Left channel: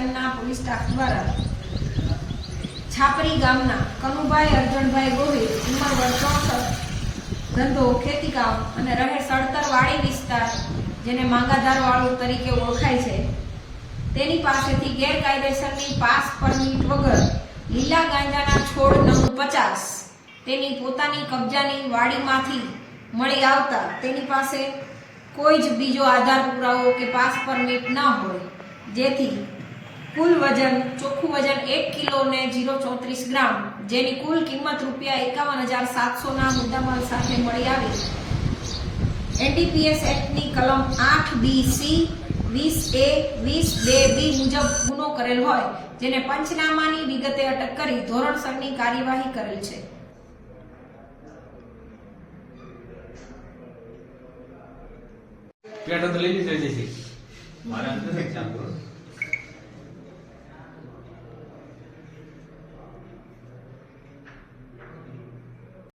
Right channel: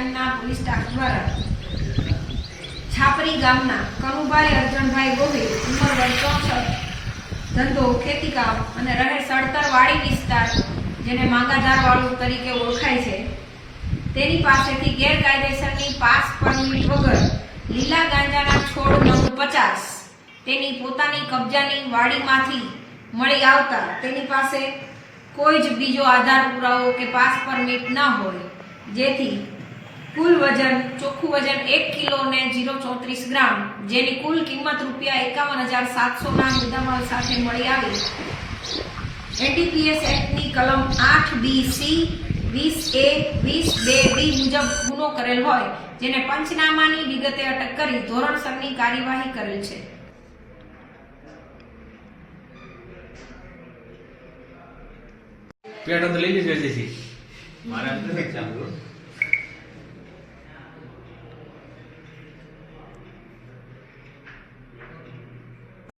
સ્ટેશનના police staff દ્વારા છાપરી ગામના કનુભાઈ અર્જણભાઈ ગોહિલ ઉંમર વર્ષ 64, ધંધો ખેતીકામ અને રહે સડતર વાડી વિસ્તાર જેને માંગાધાર વાળું તરીકે ઓળખાય છે, તેની પાસેથી ગેરકાયદેસરની પાસ પરમિટ વગર લીલા ગાંજાના છોડ નંગ 50 તેની પોતાની કબજાની વાડીમાંથી મળી આવતા તેની પાસે કોઈ જ બીજો આધાર પુરાવો કે પાસ પરમિટ ન હોય, જેથી કુલ વજન ચોખ્ખું વજન 1 કિલો ને 034 ગ્રામ જેની કુલ કિંમત ₹51,700 ના મુદ્દામાલ સાથે મળી આવી એનડીપીએસ એક્ટની કલમ 8BC 20A 20(2)B મુજબ ગુનો કરેલ હોય, જેને પંચનામાની વિગતે અટક કરી ધોરણસરની કાર્યવાહી કરેલ છે। પેટ અંદર લઈ લેજો જલ્દીથી। મારા નથી ચાલુ